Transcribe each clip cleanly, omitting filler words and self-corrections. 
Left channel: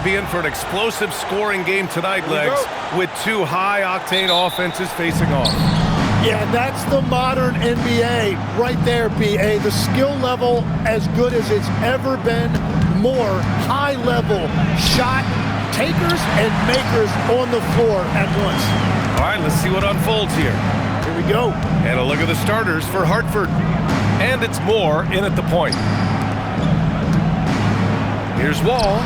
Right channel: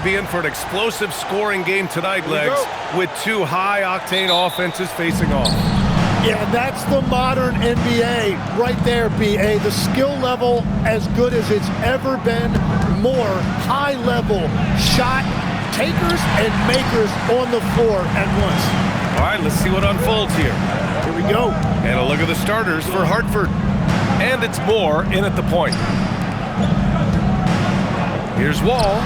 could be in for an explosive scoring game tonight, Legs, with two high-octane offenses facing off. Yeah, and that's the modern NBA right there, B.A. The skill level as good as it's ever been. More high-level shot takers and makers on the floor at once. All right, let's see what unfolds here. Here we go. And a look at the starters for Hartford. And it's Moore in at the point. Here's Wall.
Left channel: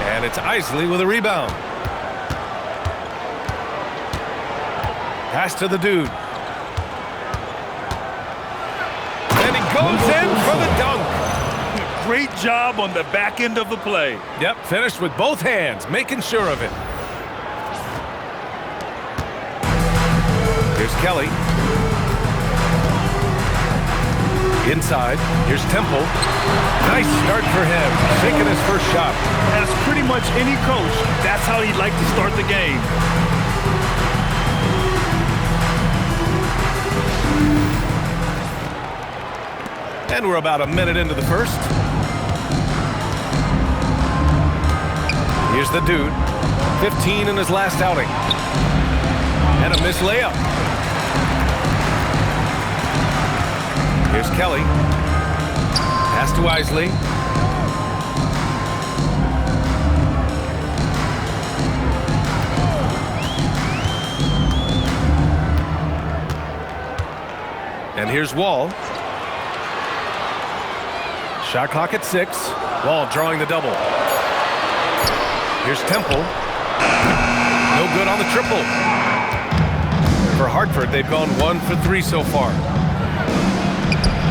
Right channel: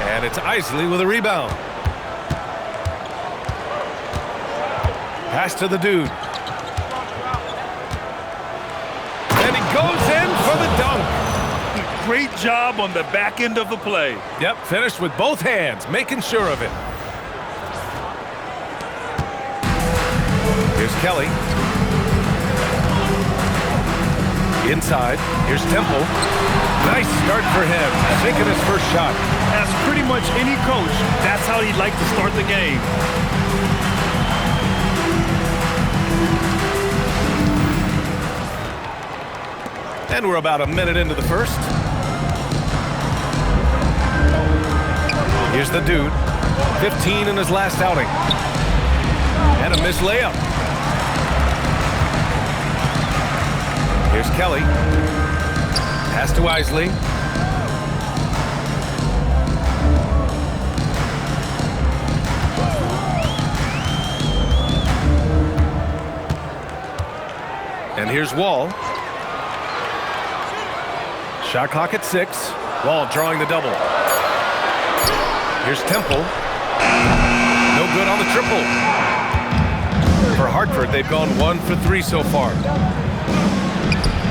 And it's Isley with a rebound. Pass to the dude. And he goes in for the dunk. Great job on the back end of the play. Yep, finished with both hands, making sure of it. Here's Kelly. Inside, here's Temple. Nice start for him, sinking his first shot. As pretty much any coach, that's how he'd like to start the game. And we're about a minute into the first. Here's the dude. 15 in his last outing. And a missed layup. Here's Kelly. Pass to Isley. And here's Wall. Shot clock at 6. Wall drawing the double. Here's Temple. No good on the triple. For Hartford, they've gone 1 for 3 so far.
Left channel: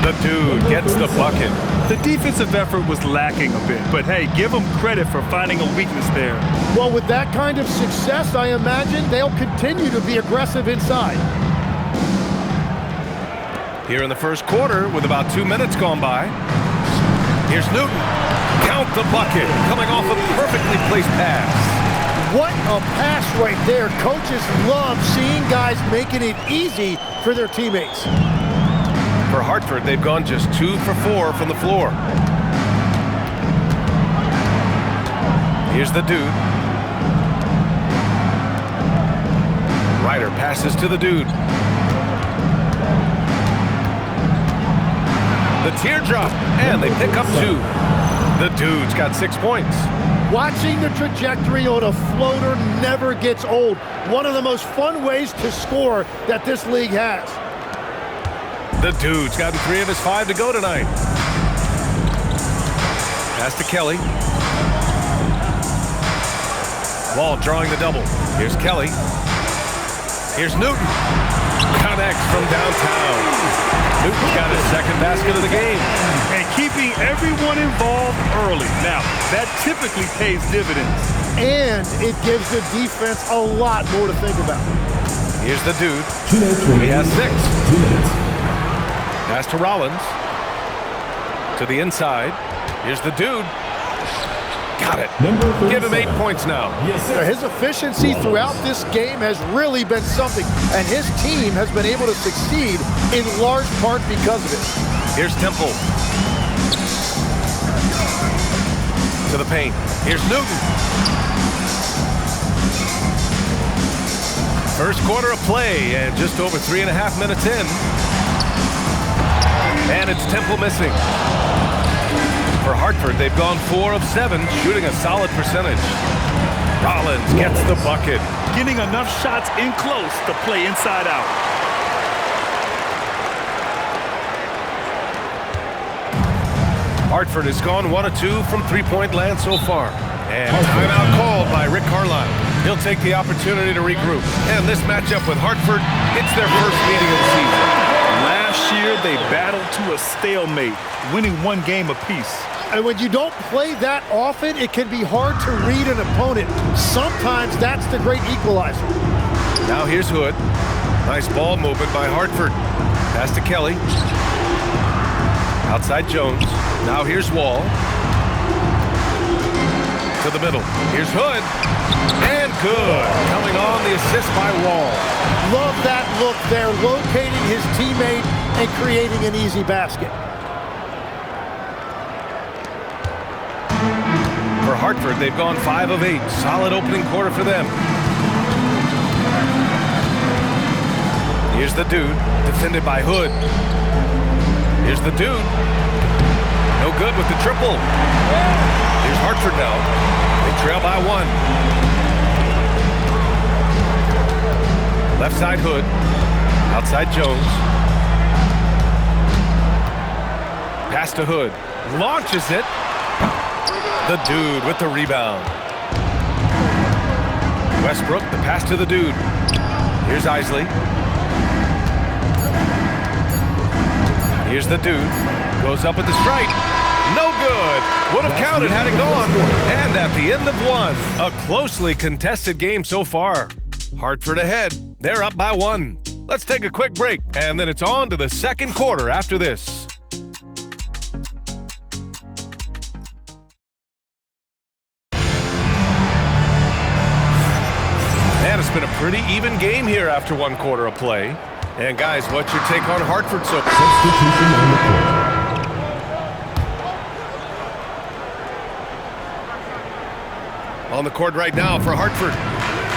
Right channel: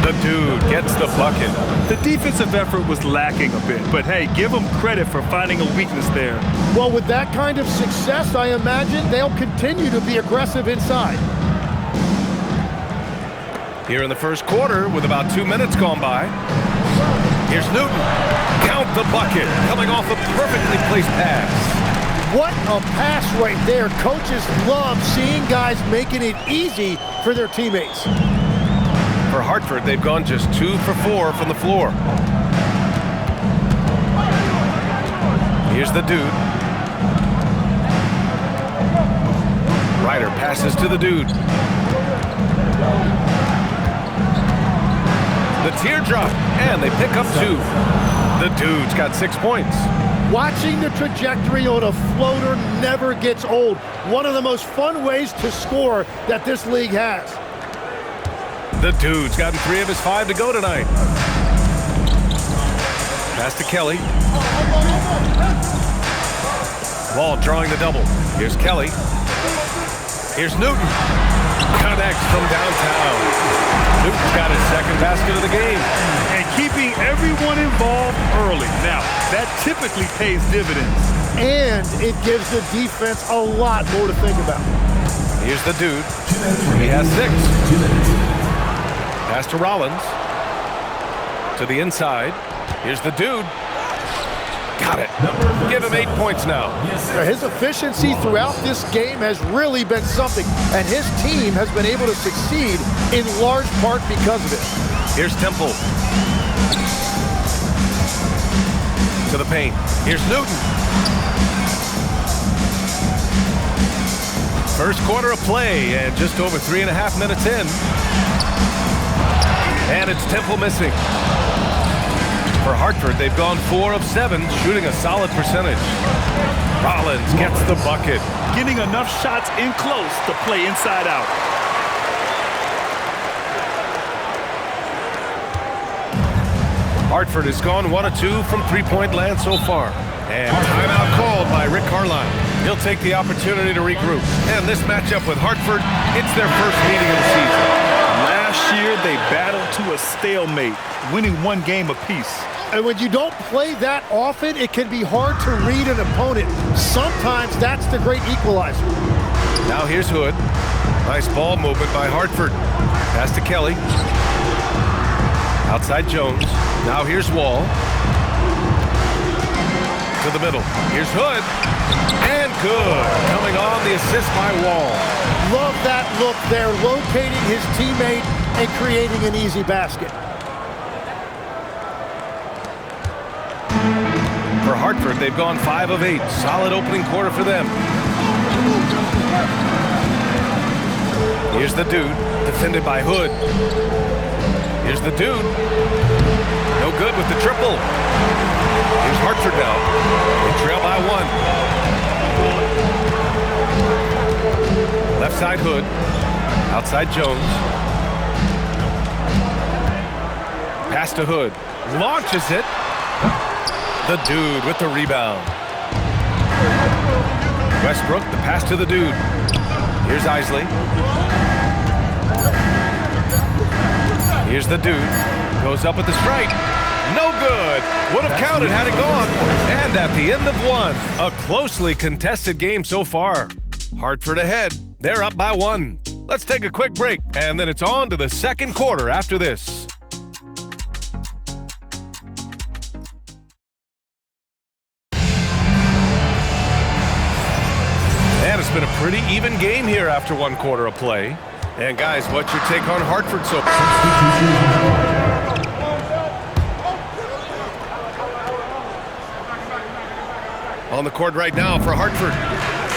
The dude gets the bucket. The defensive effort was lacking a bit, but hey, give them credit for finding a weakness there. Well, with that kind of success, I imagine they'll continue to be aggressive inside. Here in the first quarter, with about 2 minutes gone by. Here's Newton. Count the bucket, coming off a perfectly placed pass. What a pass right there. Coaches love seeing guys making it easy for their teammates. For Hartford, they've gone just 2 for 4 from the floor. Here's the dude. Ryder passes to the dude. The teardrop, and they pick up 2. The dude's got 6 points. Watching the trajectory on a floater never gets old. One of the most fun ways to score that this league has. The dude's gotten 3 of his 5 to go tonight. Pass to Kelly. Wall drawing the double. Here's Kelly. Here's Newton. Connects from downtown. Newton's got his second basket of the game. And keeping everyone involved early. Now, that typically pays dividends. And it gives the defense a lot more to think about. Here's the dude. 2 minutes. He has 6. 2 minutes. Pass to Rollins. To the inside. Here's the dude. Got it. Give him 8 points now. His efficiency throughout this game has really been something, and his team has been able to succeed in large part because of it. Here's Temple. To the paint. Here's Newton. First quarter of play, and just over 3.5 minutes in. And it's Temple missing. For Hartford, they've gone 4 of 7, shooting a solid percentage. Rollins gets the bucket. Getting enough shots in close to play inside out. Hartford has gone 1 of 2 from three-point land so far. And timeout called by Rick Carlisle. He'll take the opportunity to regroup. And this matchup with Hartford, it's their first meeting of the season. Last year, they battled to a stalemate, winning 1 game apiece. And when you don't play that often, it can be hard to read an opponent. Sometimes that's the great equalizer. Now here's Hood. Nice ball movement by Hartford. Pass to Kelly. Outside Jones. Now here's Wall. To the middle. Here's Hood. And good. Coming on the assist by Wall. Love that look there, locating his teammate and creating an easy basket. For Hartford, they've gone 5 of 8. Solid opening quarter for them. Here's the Dude, defended by Hood. Here's the Dude. No good with the triple. Here's Hartford now. They trail by 1. Left side Hood. Outside Jones. Pass to Hood. Launches it. The Dude with the rebound. Westbrook, the pass to the Dude. Here's Isley. Here's the Dude. Goes up with the strike. No good. Would have counted had it gone. And at the end of 1, a closely contested game so far. Hartford ahead. They're up by 1. Let's take a quick break, and then it's on to the second quarter after this. And it's been a pretty even game here after 1 quarter of play. And guys, what's your take on Hartford so far? On the court right now for Hartford.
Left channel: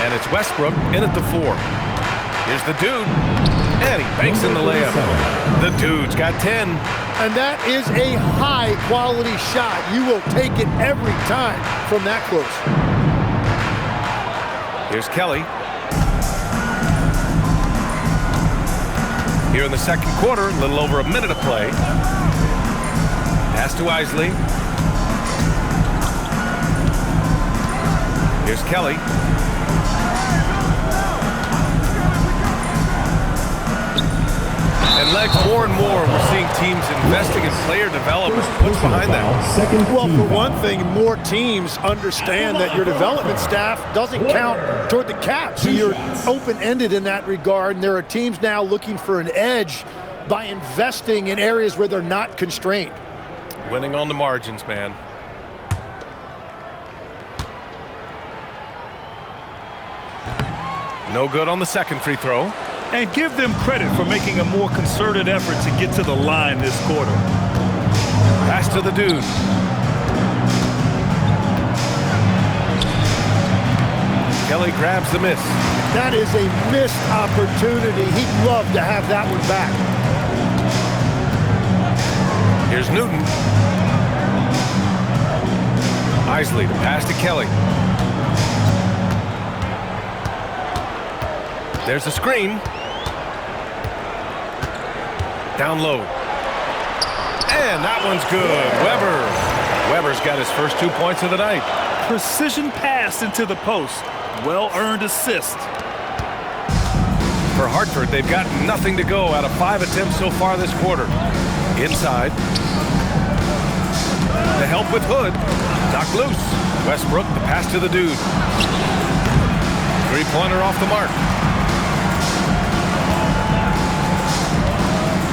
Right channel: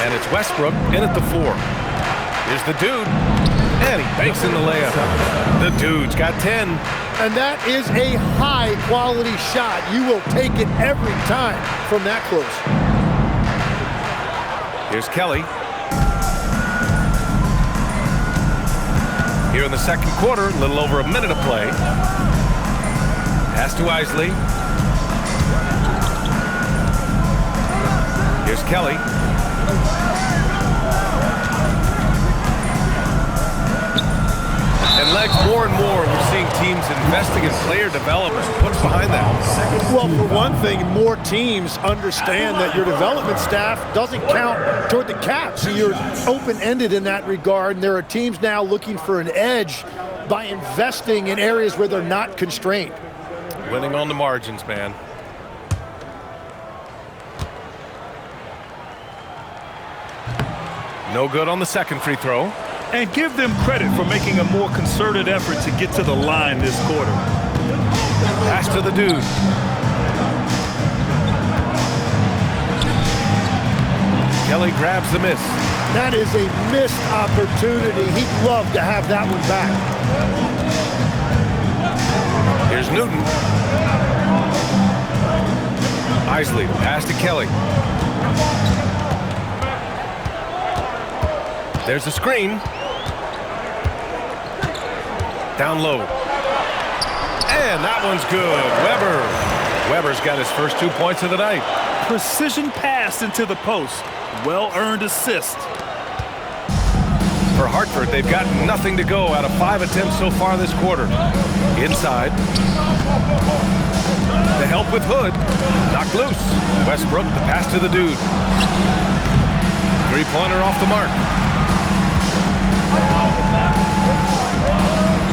And it's Westbrook in at the 4. Here's the Dude. And he banks in the layup. The Dude's got 10. And that is a high-quality shot. You will take it every time from that close. Here's Kelly. Here in the second quarter, a little over a minute of play. Pass to Isley. Here's Kelly. And legs, more and more, we're seeing teams investing in player development. What's behind that? Well, for one thing, more teams understand that your development staff doesn't count toward the cap. So you're open-ended in that regard. And there are teams now looking for an edge by investing in areas where they're not constrained. Winning on the margins, man. No good on the second free throw. And give them credit for making a more concerted effort to get to the line this quarter. Pass to the Dude. Kelly grabs the miss. That is a missed opportunity. He'd love to have that one back. Here's Newton. Isley, the pass to Kelly. There's a screen. Down low. And that one's good. Weber's got his first 2 points of the night. Precision pass into the post. Well-earned assist. For Hartford, they've got nothing to go out of 5 attempts so far this quarter. Inside. The help with Hood. Knocked loose. Westbrook, the pass to the Dude. 3-pointer off the mark.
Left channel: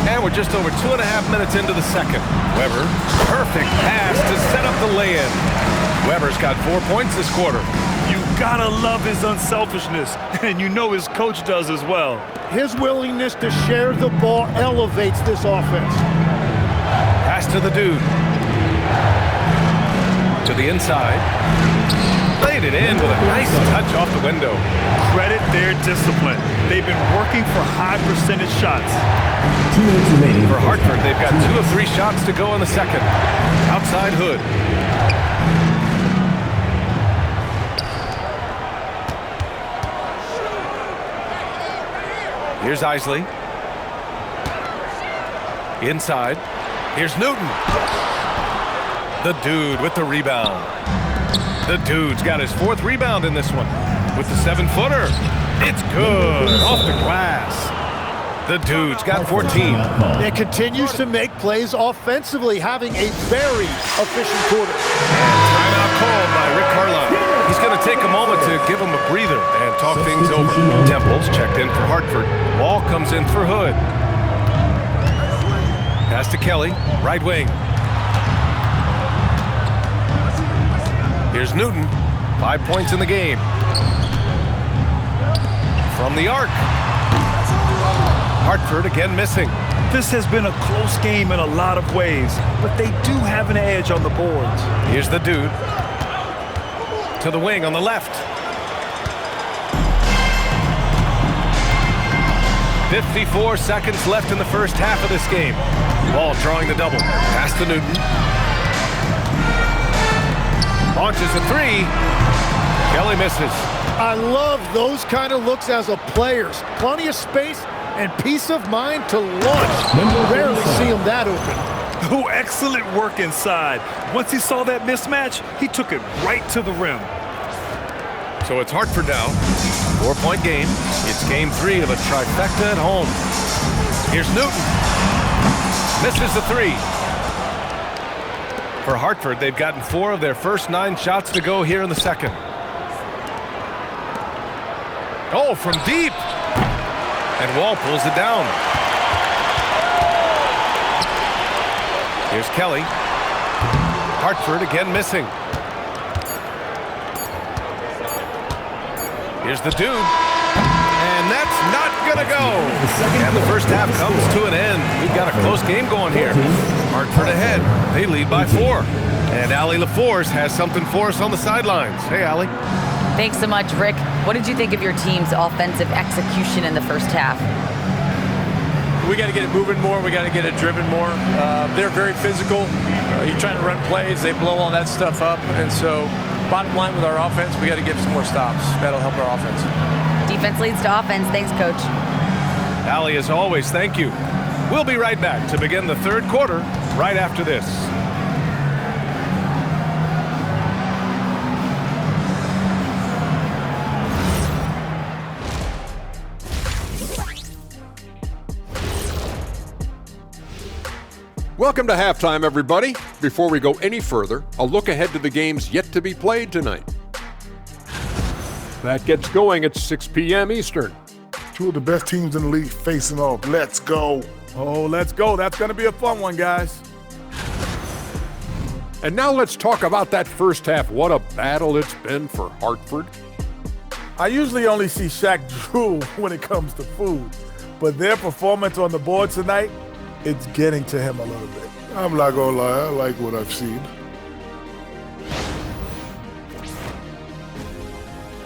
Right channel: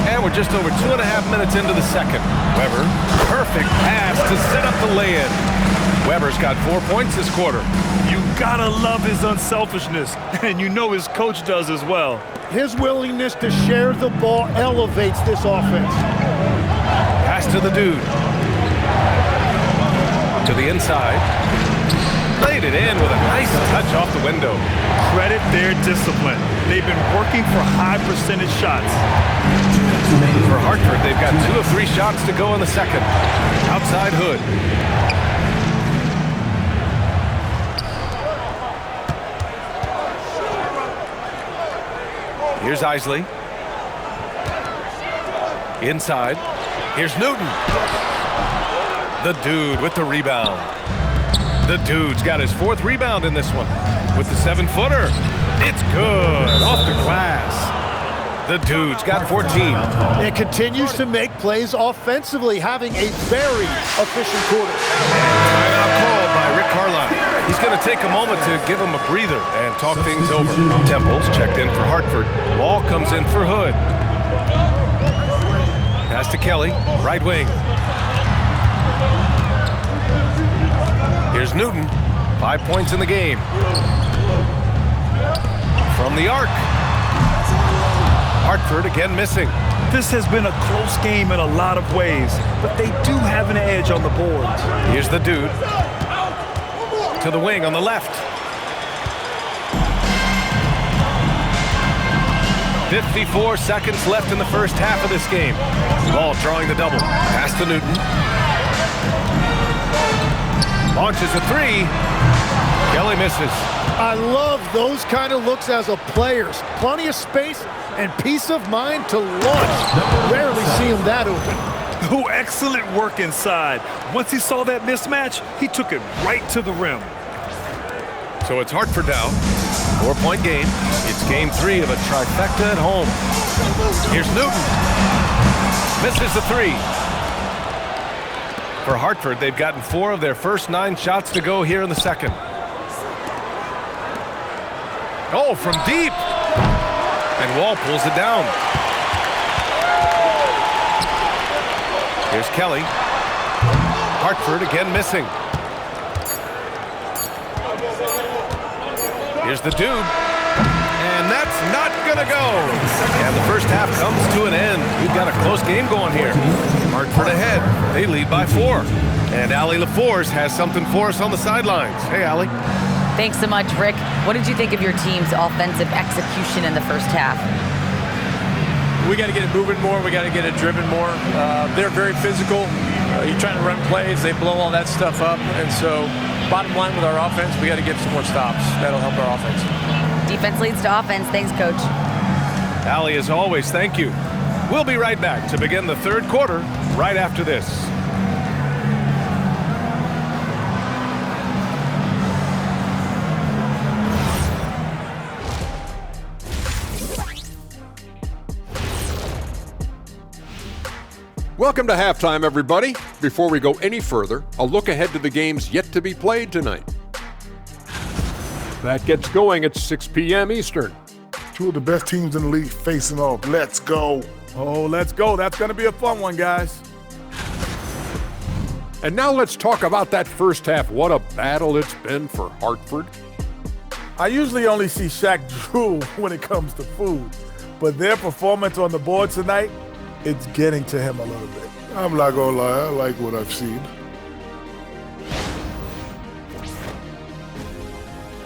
And we're just over 2.5 minutes into the second. Weber, perfect pass to set up the lay-in. Weber's got 4 points this quarter. You gotta love his unselfishness, and you know his coach does as well. His willingness to share the ball elevates this offense. Pass to the Dude. To the inside. Laid it in with a nice touch off the window. Credit their discipline. They've been working for high percentage shots. For Hartford, they've got 2 of 3 shots to go in the second. Outside Hood. Here's Isley. Inside. Here's Newton. The Dude with the rebound. The Dude's got his 4th rebound in this one. With the 7-footer. It's good. Off the glass. The Dude's got 14. It continues to make plays offensively, having a very efficient quarter. And timeout called by Rick Carlisle. He's going to take a moment to give him a breather and talk things over. Temples checked in for Hartford. Wall comes in for Hood. Pass to Kelly, right wing. Here's Newton, 5 points in the game. From the arc. Hartford again missing. This has been a close game in a lot of ways, but they do have an edge on the boards. Here's the Dude. To the wing on the left. 54 seconds left in the first half of this game. Ball drawing the double. Pass to Newton. Launches a three. Kelly misses. I love those kind of looks as a player. Plenty of space and peace of mind to launch. Rarely see him that open. Oh, excellent work inside. Once he saw that mismatch, he took it right to the rim. So it's Hartford now. 4-point game. It's game 3 of a trifecta at home. Here's Newton. Misses the three. For Hartford, they've gotten 4 of their first 9 shots to go here in the second. Oh, from deep. And Wall pulls it down. Here's Kelly. Hartford again missing. Here's the dude. And that's not going to go. And the first half comes to an end. We've got a close game going here. Hartford ahead. They lead by 4. And Allie LaForce has something for us on the sidelines. Hey, Allie. Thanks so much, Rick. What did you think of your team's offensive execution in the first half? We got to get it moving more. We got to get it driven more. They're very physical. You're trying to run plays. They blow all that stuff up. And so bottom line with our offense, we got to get some more stops. That'll help our offense. Defense leads to offense. Thanks, Coach. Allie, as always, thank you. We'll be right back to begin the third quarter right after this. Welcome to halftime, everybody. Before we go any further, a look ahead to the games yet to be played tonight. That gets going at 6 p.m. Eastern. 2 of the best teams in the league facing off. Let's go. Oh, let's go. That's going to be a fun one, guys. And now let's talk about that first half. What a battle it's been for Hartford. I usually only see Shaq drool when it comes to food, but their performance on the board tonight, it's getting to him a little bit. I'm not going to lie. I like what I've seen.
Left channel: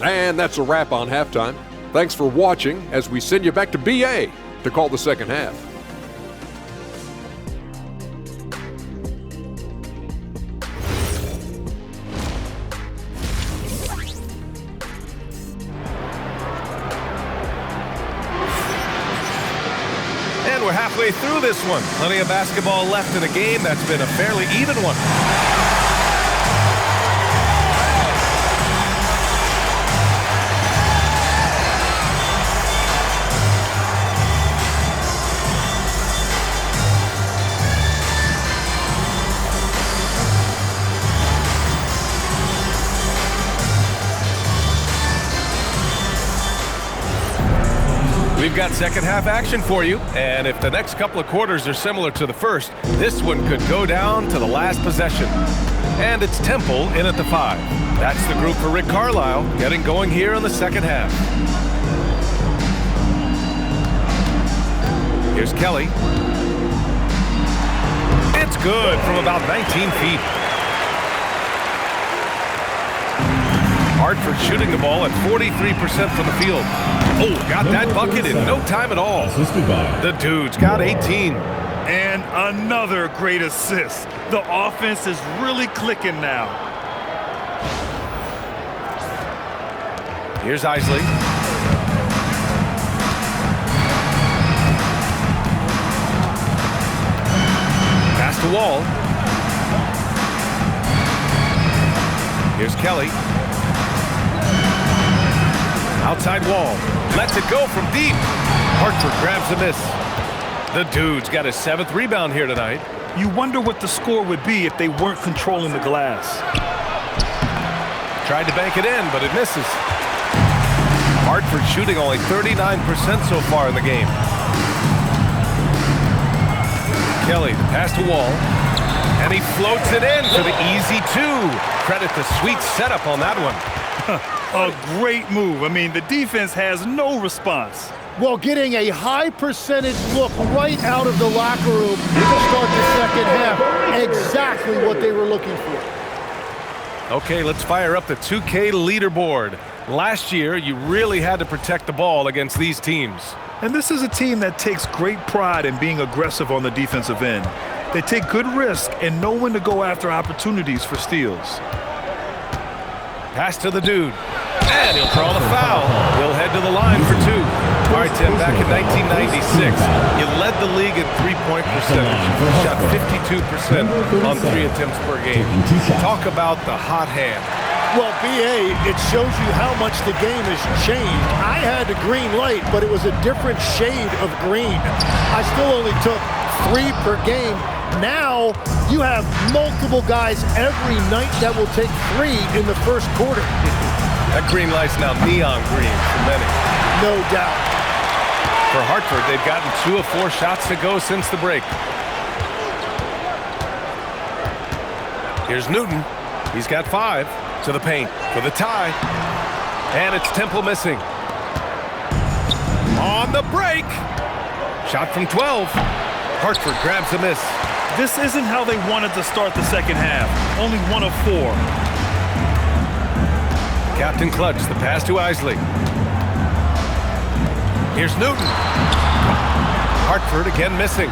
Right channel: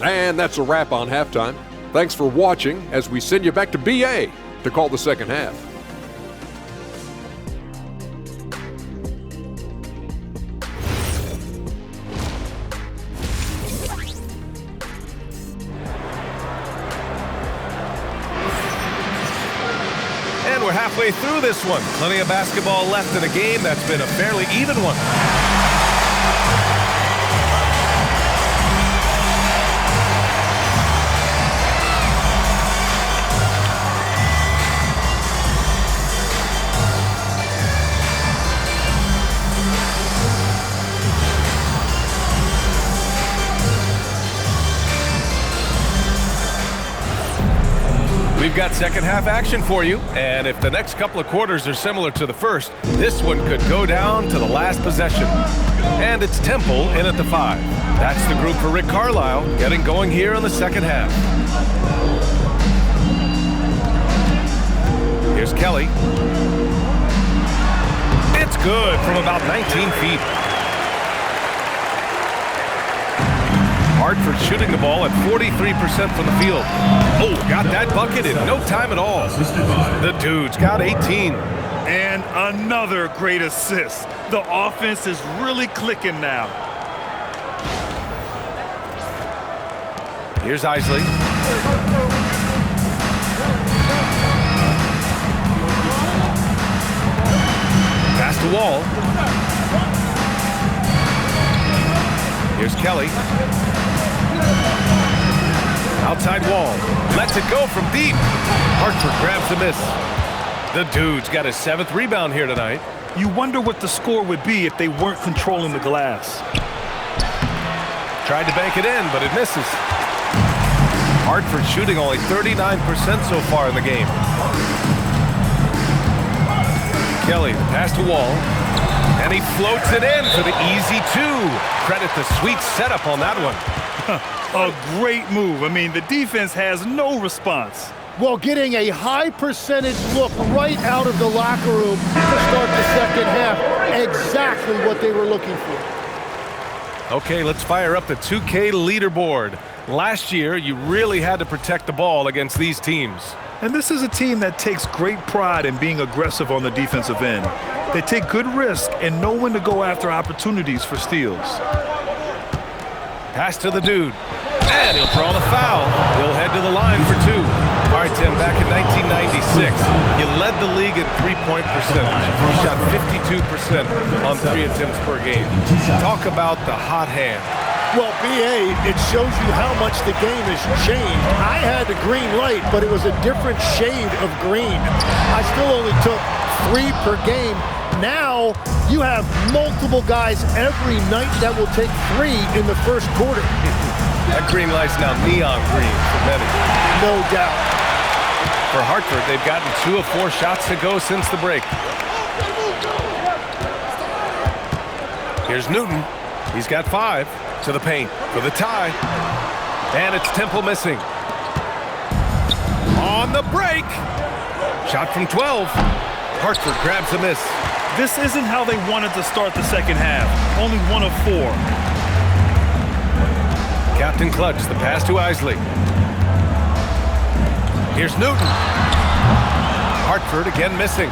And that's a wrap on halftime. Thanks for watching as we send you back to BA to call the second half. And we're halfway through this one. Plenty of basketball left in a game that's been a fairly even one. We've got second half action for you, and if the next couple of quarters are similar to the first, this one could go down to the last possession. And it's Temple in at the 5. That's the group for Rick Carlisle getting going here in the second half. Here's Kelly. It's good from about 19 feet. Hartford shooting the ball at 43% from the field. Oh, got that bucket in no time at all. The dude's got 18. And another great assist. The offense is really clicking now. Here's Isley. Pass to Wall. Here's Kelly. Outside Wall. Lets it go from deep. Hartford grabs the miss. The dude's got his 7th rebound here tonight. You wonder what the score would be if they weren't controlling the glass. Tried to bank it in, but it misses. Hartford shooting only 39% so far in the game. Kelly, the pass to Wall. And he floats it in for the easy 2. Credit the sweet setup on that one. A great move. I mean, the defense has no response. Well, getting a high percentage look right out of the locker room to start the second half. Exactly what they were looking for. Okay, let's fire up the 2K leaderboard. Last year, you really had to protect the ball against these teams. And this is a team that takes great pride in being aggressive on the defensive end. They take good risk and know when to go after opportunities for steals. Pass to the dude. And he'll draw the foul. He'll head to the line for two. All right, Tim, back in 1996, you led the league in three-point percentage. You shot 52% on 3 attempts per game. Talk about the hot hand. Well, BA, it shows you how much the game has changed. I had the green light, but it was a different shade of green. I still only took 3 per game. Now, you have multiple guys every night that will take 3 in the first quarter. That green light's now neon green for many. No doubt. For Hartford, they've gotten 2 of 4 shots to go since the break. Here's Newton. He's got 5 to the paint for the tie. And it's Temple missing. On the break. Shot from 12. Hartford grabs the miss. This isn't how they wanted to start the second half. Only 1 of 4. Captain Clutch, the pass to Isley. Here's Newton. Hartford again missing.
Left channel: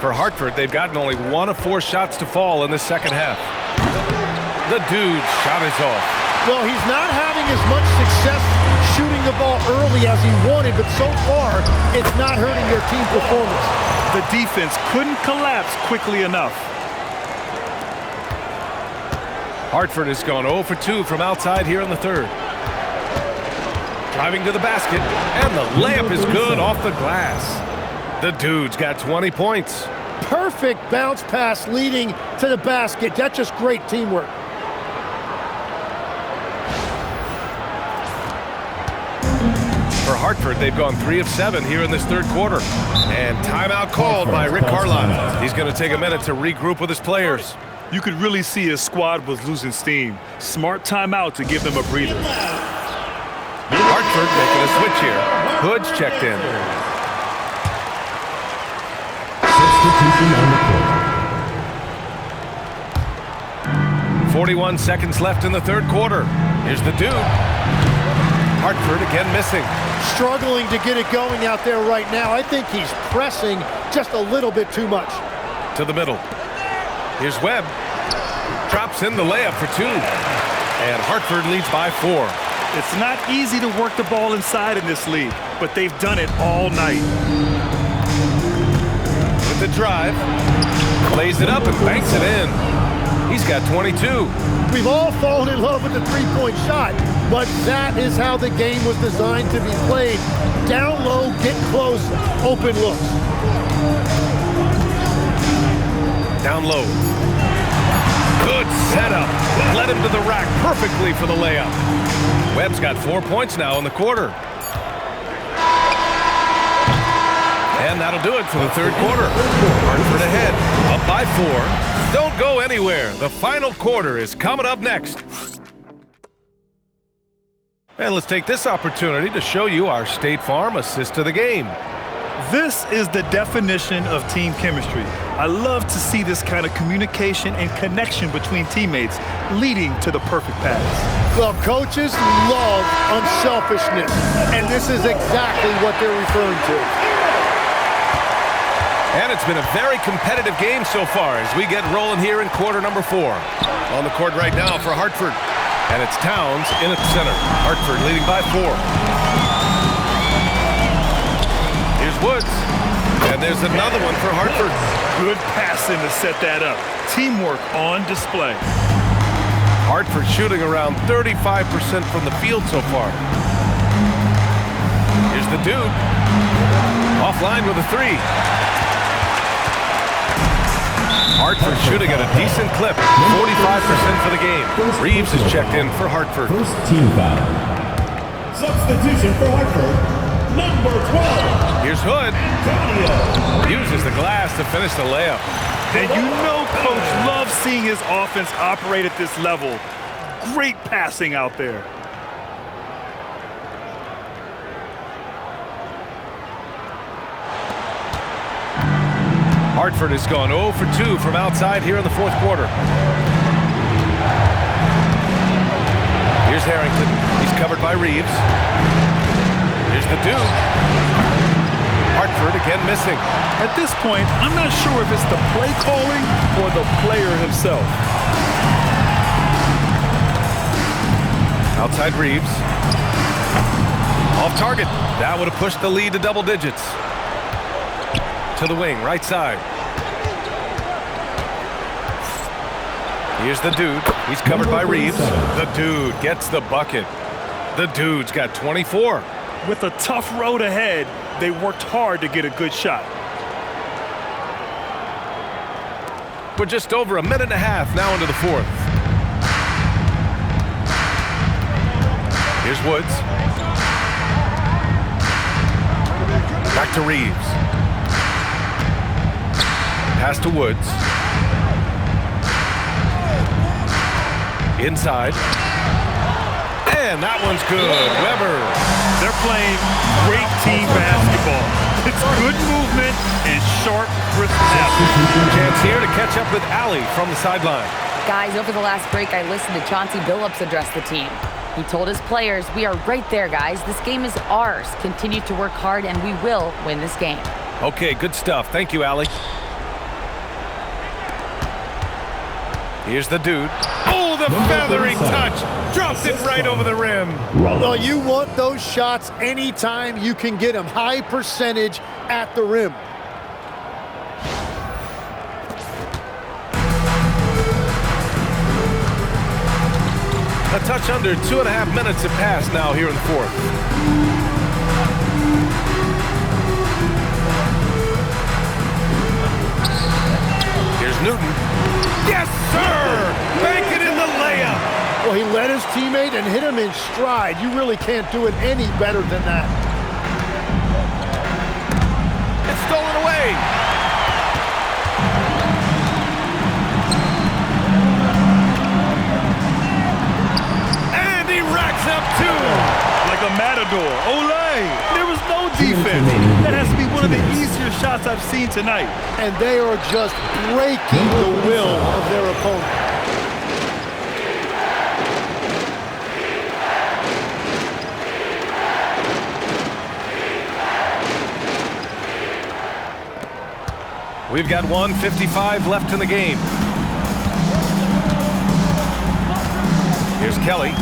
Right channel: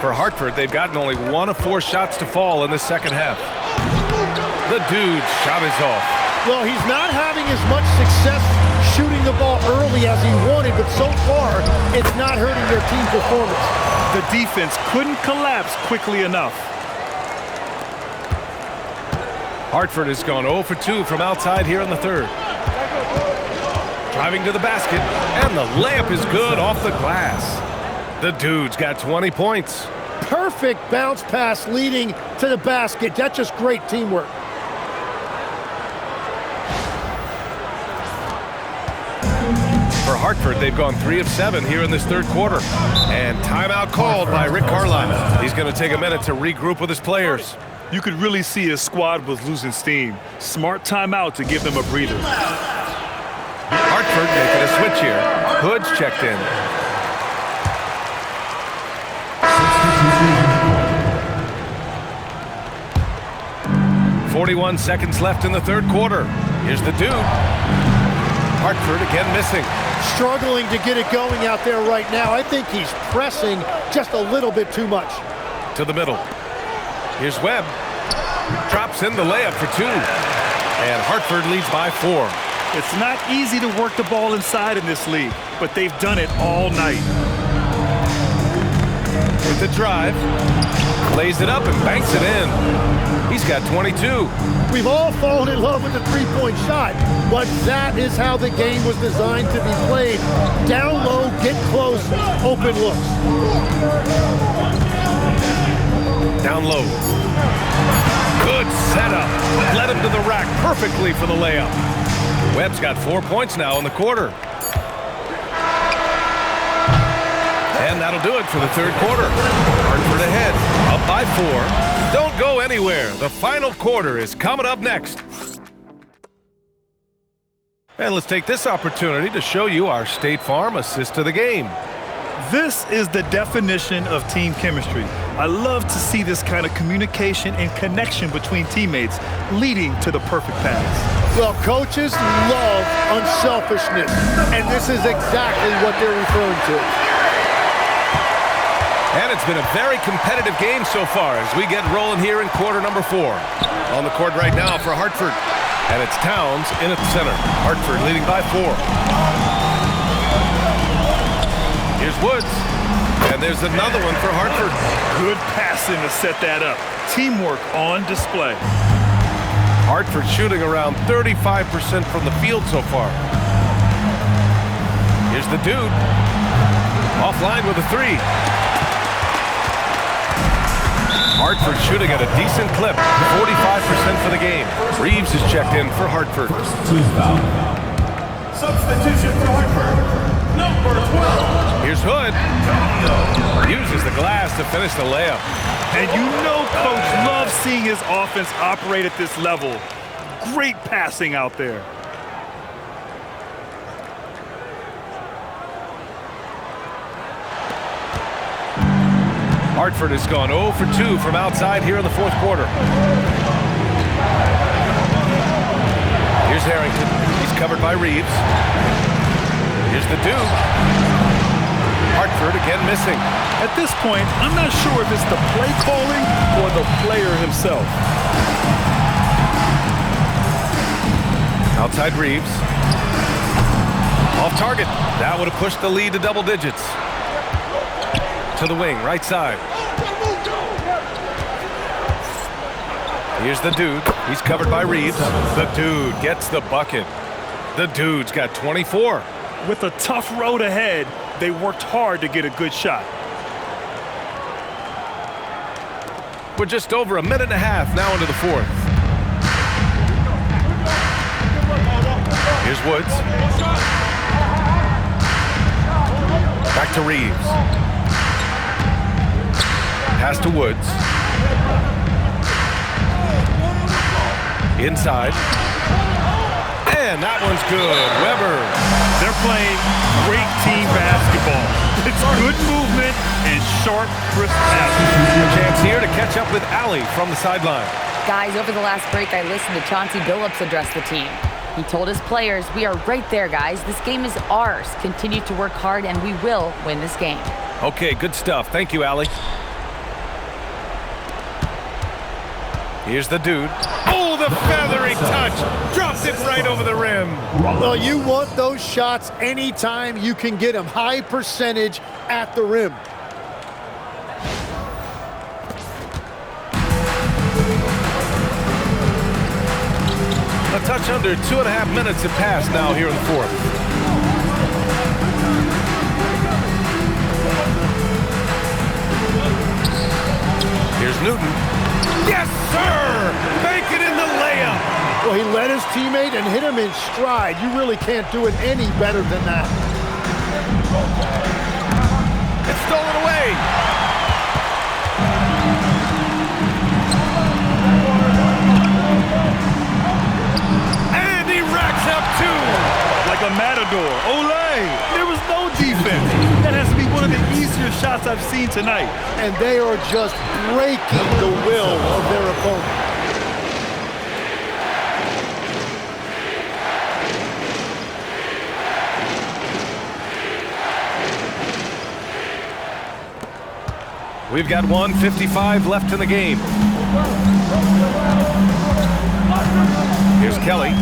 For Hartford, they've gotten only 1 of 4 shots to fall in the second half. The dude's shot is off. Well, he's not having as much success shooting the ball early as he wanted, but so far, it's not hurting their team performance. The defense couldn't collapse quickly enough. Hartford has gone 0 for 2 from outside here in the third. Driving to the basket, and the layup is good off the glass. The dude's got 20 points. Perfect bounce pass leading to the basket. That's just great teamwork. For Hartford, they've gone 3 of 7 here in this third quarter. And timeout called by Rick Carlisle. He's going to take a minute to regroup with his players. You could really see his squad was losing steam. Smart timeout to give them a breather. Hartford making a switch here. Hood's checked in. 41 seconds left in the third quarter. Here's the dude. Hartford again missing. Struggling to get it going out there right now. I think he's pressing just a little bit too much. To the middle. Here's Webb. Drops in the layup for 2. And Hartford leads by 4. It's not easy to work the ball inside in this league, but they've done it all night. With the drive. Lays it up and banks it in. He's got 22. We've all fallen in love with the three-point shot, but that is how the game was designed to be played. Down low, get close, open looks. Down low. Good setup. Led him to the rack perfectly for the layup. Webb's got 4 points now in the quarter. And that'll do it for the third quarter. Hartford ahead, up by 4. Don't go anywhere. The final quarter is coming up next. And let's take this opportunity to show you our State Farm assist to the game. This is the definition of team chemistry. I love to see this kind of communication and connection between teammates leading to the perfect pass. Well, coaches love unselfishness, and this is exactly what they're referring to. And it's been a very competitive game so far as we get rolling here in quarter number 4. On the court right now for Hartford. And it's Towns in at the center. Hartford leading by 4. Here's Woods. And there's another one for Hartford. Good passing to set that up. Teamwork on display. Hartford shooting around 35% from the field so far. Here's the dude. Offline with a 3. Hartford shooting at a decent clip, 45% for the game. Reeves is checked in for Hartford. First team foul. Substitution for Hartford, number 12. Here's Hood. Uses the glass to finish the layup. And you know Coach loves seeing his offense operate at this level. Great passing out there. Hartford has gone 0 for 2 from outside here in the fourth quarter. Here's Harrington. He's covered by Reeves. Here's the Dude. Hartford again missing. At this point, I'm not sure if it's the play calling or the player himself. Outside Reeves. Off target. That would have pushed the lead to double digits. To the wing, right side. Here's the Dude. He's covered by Reeves. The Dude gets the bucket. The Dude's got 24. With a tough road ahead, they worked hard to get a good shot. We're just over a minute and a half now into the fourth. Here's Woods. Back to Reeves. Pass to Woods. Inside. And that one's good. Weber. They're playing great team basketball. It's good movement and sharp, crisp passes. Chance here to catch up with Allie from the sideline. Guys, over the last break, I listened to Chauncey Billups address the team. He told his players, "We are right there, guys. This game is ours. Continue to work hard, and we will win this game." Okay, good stuff. Thank you, Allie. Here's the Dude. Oh, the feathery touch. Drops it right over the rim. Well, you want those shots anytime you can get them. High percentage at the rim. A touch under 2.5 minutes have passed now here in the fourth. Here's Newton. Yes, sir! Bank it in the layup. Well, he led his teammate and hit him in stride. You really can't do it any better than that. It's stolen away. And he racks up two. Like a matador. Olé! There was no defense. That has to be one of the easier shots I've seen tonight. And they are just breaking the will of their opponent. We've got 1:55 left in the game. Here's Kelly.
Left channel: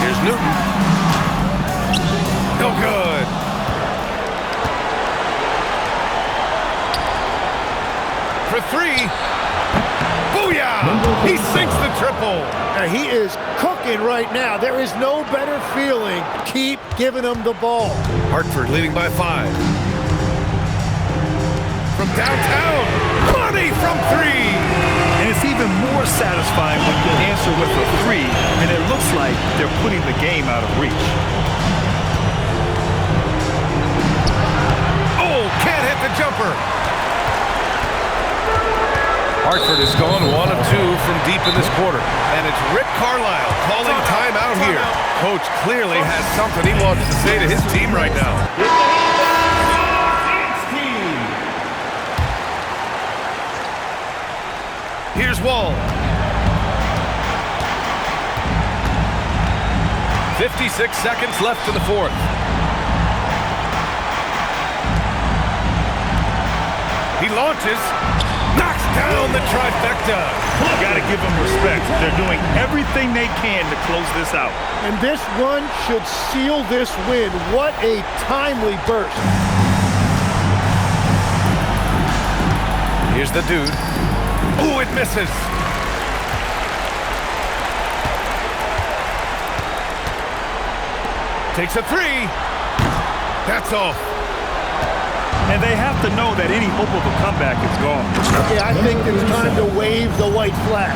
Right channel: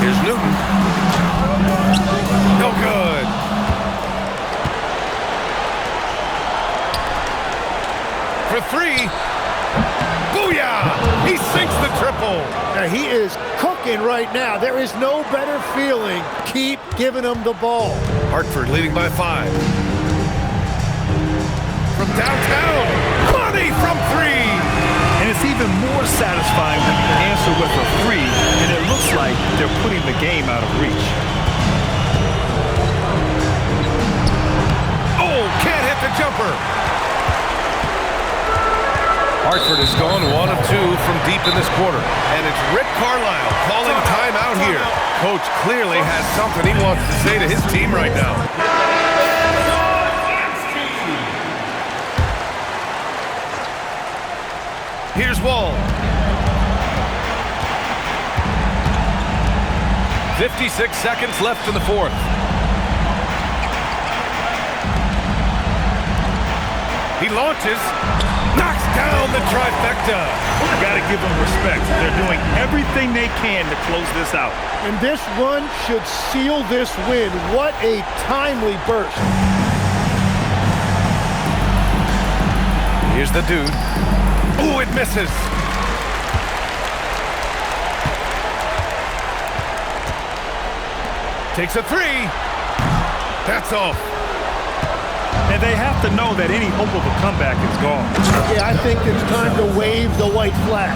Here's Newton. No good. For three. Booyah! He sinks the triple. Now, he is cooking right now. There is no better feeling. Keep giving him the ball. Hartford leading by 5. From downtown, money from 3. And it's even more satisfying when you answer with a 3, and it looks like they're putting the game out of reach. Oh, can't hit the jumper. Hartford has gone 1 of 2 from deep in this quarter. And it's Rick Carlisle calling timeout here. Coach clearly has something he wants to say to his team right now. Here's Wall. 56 seconds left in the fourth. He launches. Knocks down the trifecta. Got to give them respect. They're doing everything they can to close this out. And this run should seal this win. What a timely burst. Here's the Dude. Ooh, it misses. Takes a 3. That's off. And they have to know that any hope of a comeback is gone. Yeah, I think it's time to wave the white flag.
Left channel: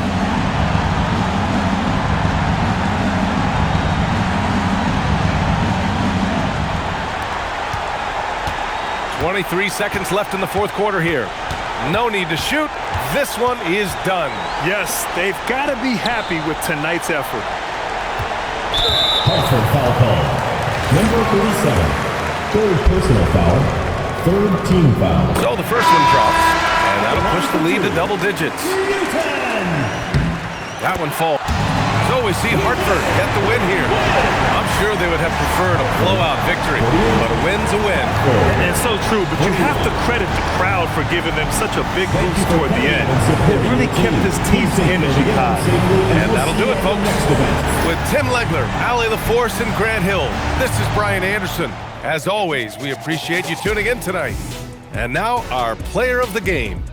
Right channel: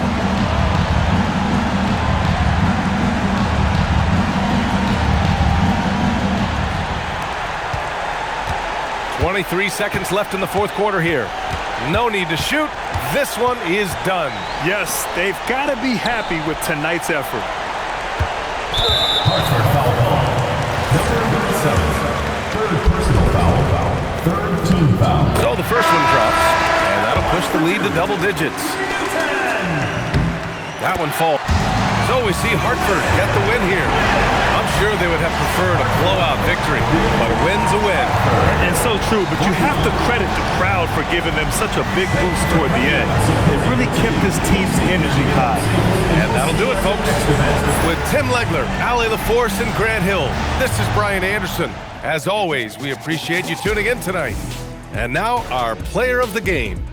.23 seconds left in the fourth quarter here. No need to shoot. This one is done. Yes, they've got to be happy with tonight's effort. Hartford foul call. Number 37. Third personal foul. Third team foul. So the first one drops, and that'll push the lead to double digits. That one falls. So we see Hartford get the win here. I'm sure they would have preferred a blowout victory, but a win's a win. And so true, but you have to credit the crowd for giving them such a big boost toward the end. It really kept this team's energy high. And that'll do it, folks. With Tim Legler, Allie LaForce, and Grant Hill, this is Brian Anderson. As always, we appreciate you tuning in tonight. And now, our player of the game.